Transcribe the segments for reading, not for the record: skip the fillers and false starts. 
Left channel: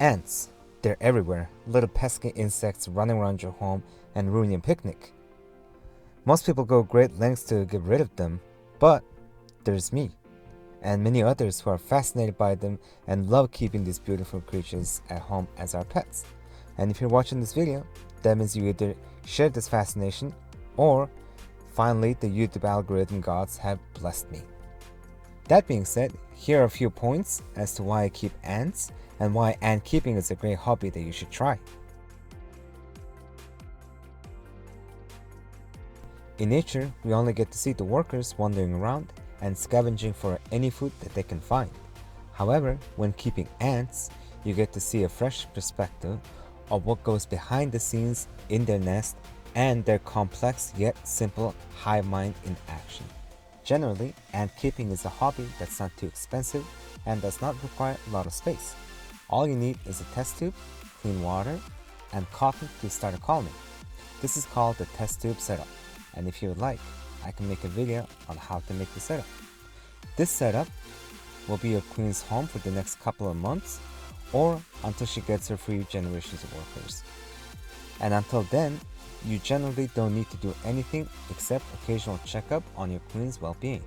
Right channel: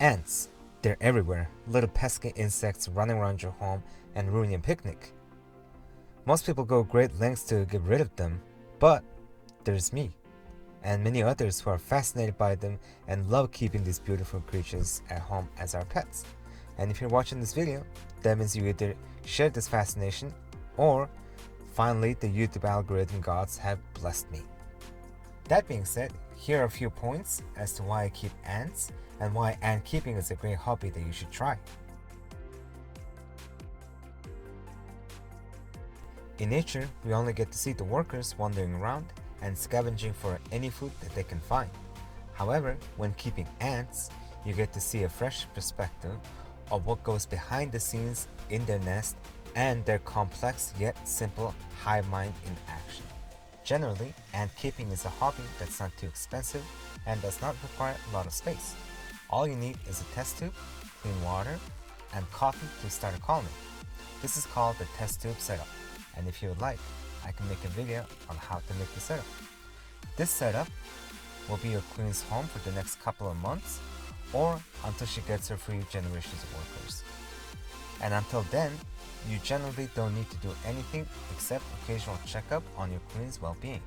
Ants. They're everywhere, little pesky insects running around your home and ruining your picnic. Most people go great lengths to get rid of them, but there's me, and many others who are fascinated by them and love keeping these beautiful creatures at home as our pets. And if you're watching this video, that means you either share this fascination or finally the YouTube algorithm gods have blessed me. That being said, here are a few points as to why I keep ants and why ant keeping is a great hobby that you should try. In nature, we only get to see the workers wandering around and scavenging for any food that they can find. However, when keeping ants, you get to see a fresh perspective of what goes behind the scenes in their nest and their complex yet simple hive mind in action. Generally, ant keeping is a hobby that's not too expensive and does not require a lot of space. All you need is a test tube, clean water, and cotton to start a colony. This is called the test tube setup, and if you would like, I can make a video on how to make the setup. This setup will be your queen's home for the next couple of months or until she gets her few generations of workers. And until then, you generally don't need to do anything except occasional checkup on your queen's well-being.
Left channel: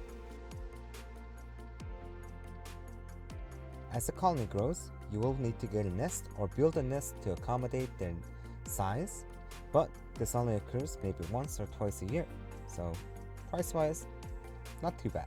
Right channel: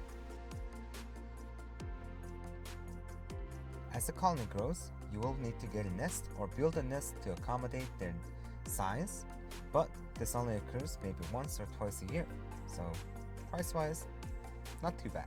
As the colony grows, you will need to get a nest or build a nest to accommodate their size, but this only occurs maybe once or twice a year, so price-wise, not too bad.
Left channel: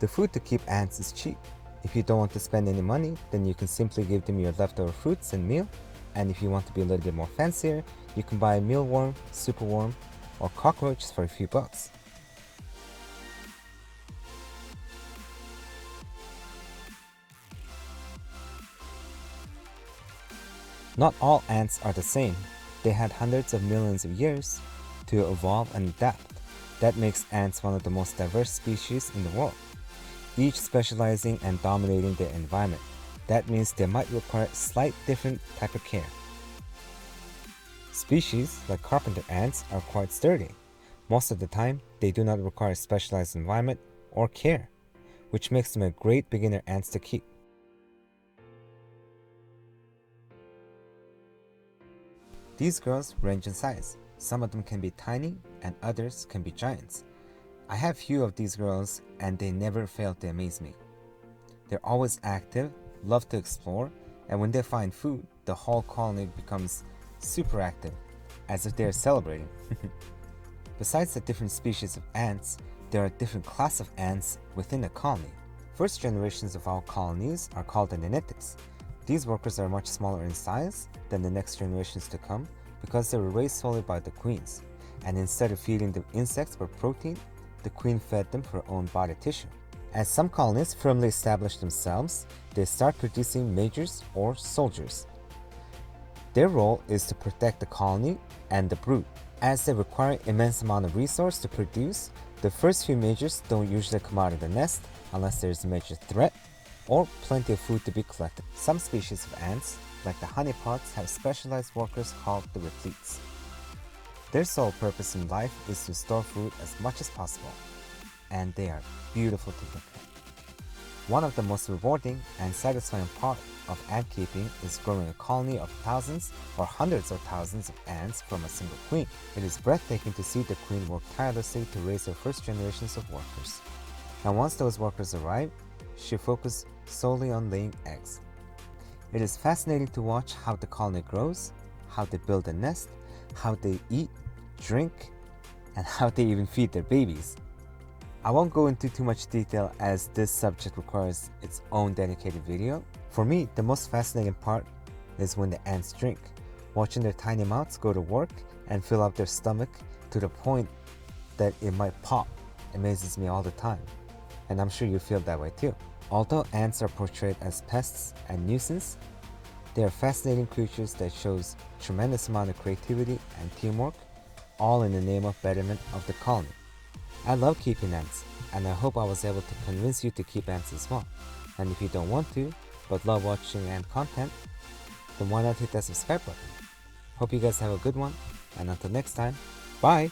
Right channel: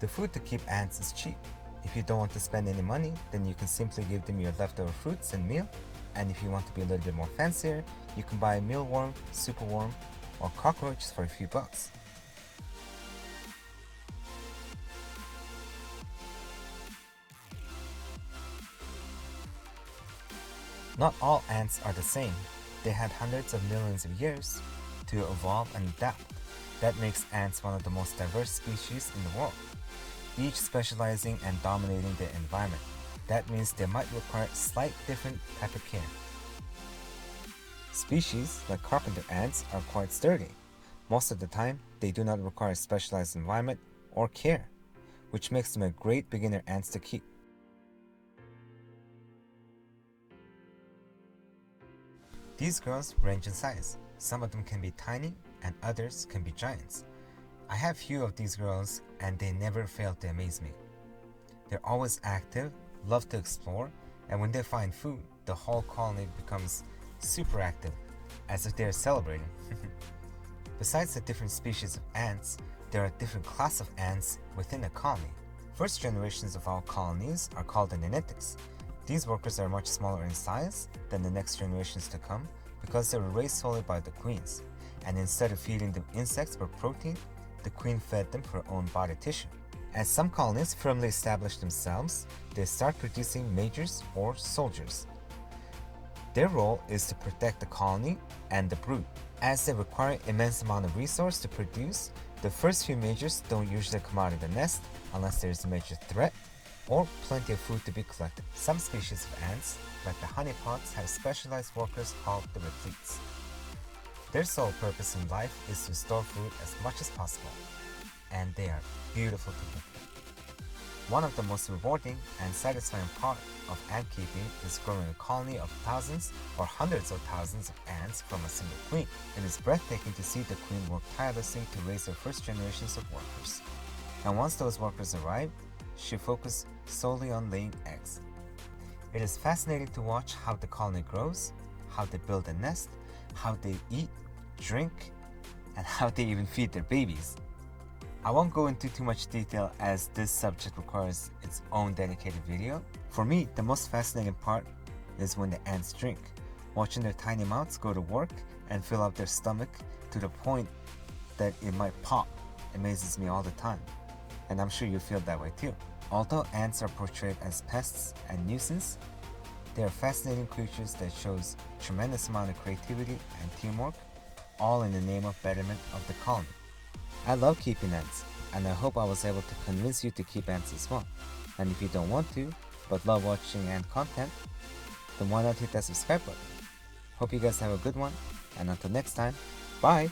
The food to keep ants is cheap. If you don't want to spend any money, then you can simply give them your leftover fruits and meal. And if you want to be a little bit more fancier, you can buy a mealworm, superworm, or cockroaches for a few bucks. Not all ants are the same. They had hundreds of millions of years to evolve and adapt. That makes ants one of the most diverse species in the world, each specializing and dominating their environment. That means they might require slight different type of care. Species like carpenter ants are quite sturdy. Most of the time, they do not require specialized environment or care, which makes them a great beginner ants to keep. These girls range in size. Some of them can be tiny and others can be giants. I have few of these girls and they never fail to amaze me. They're always active, love to explore, and when they find food, the whole colony becomes super active, as if they're celebrating. Besides the different species of ants, there are different class of ants within a colony. First generations of our colonies are called the nanitics. These workers are much smaller in size than the next generations to come because they were raised solely by the queens, and instead of feeding them insects for protein, the queen fed them her own body tissue. As some colonies firmly establish themselves, they start producing majors or soldiers. Their role is to protect the colony and the brood. As they require immense amount of resource to produce, the first few majors don't usually come out of the nest unless there is a major threat or plenty of food to be collected. Some species of ants, like the honeypots, have specialized workers called the repletes. Their sole purpose in life is to store food as much as possible, and they are beautiful to look at. One of the most rewarding and satisfying part of ant keeping is growing a colony of thousands or hundreds of thousands of ants from a single queen. It is breathtaking to see the queen work tirelessly to raise her first generations of workers. And once those workers arrive, she focuses solely on laying eggs. It is fascinating to watch how the colony grows, how they build a nest, how they eat, drink, and how they even feed their babies. I won't go into too much detail as this subject requires its own dedicated video. For me, the most fascinating part is when the ants drink. Watching their tiny mouths go to work and fill up their stomach to the point that it might pop amazes me all the time. And I'm sure you feel that way too. Although ants are portrayed as pests and nuisance, they are fascinating creatures that shows tremendous amount of creativity and teamwork, all in the name of betterment of the colony. I love keeping ants, and I hope I was able to convince you to keep ants as well. And if you don't want to, but love watching ant content, then why not hit that subscribe button? Hope you guys have a good one, And until next time, bye!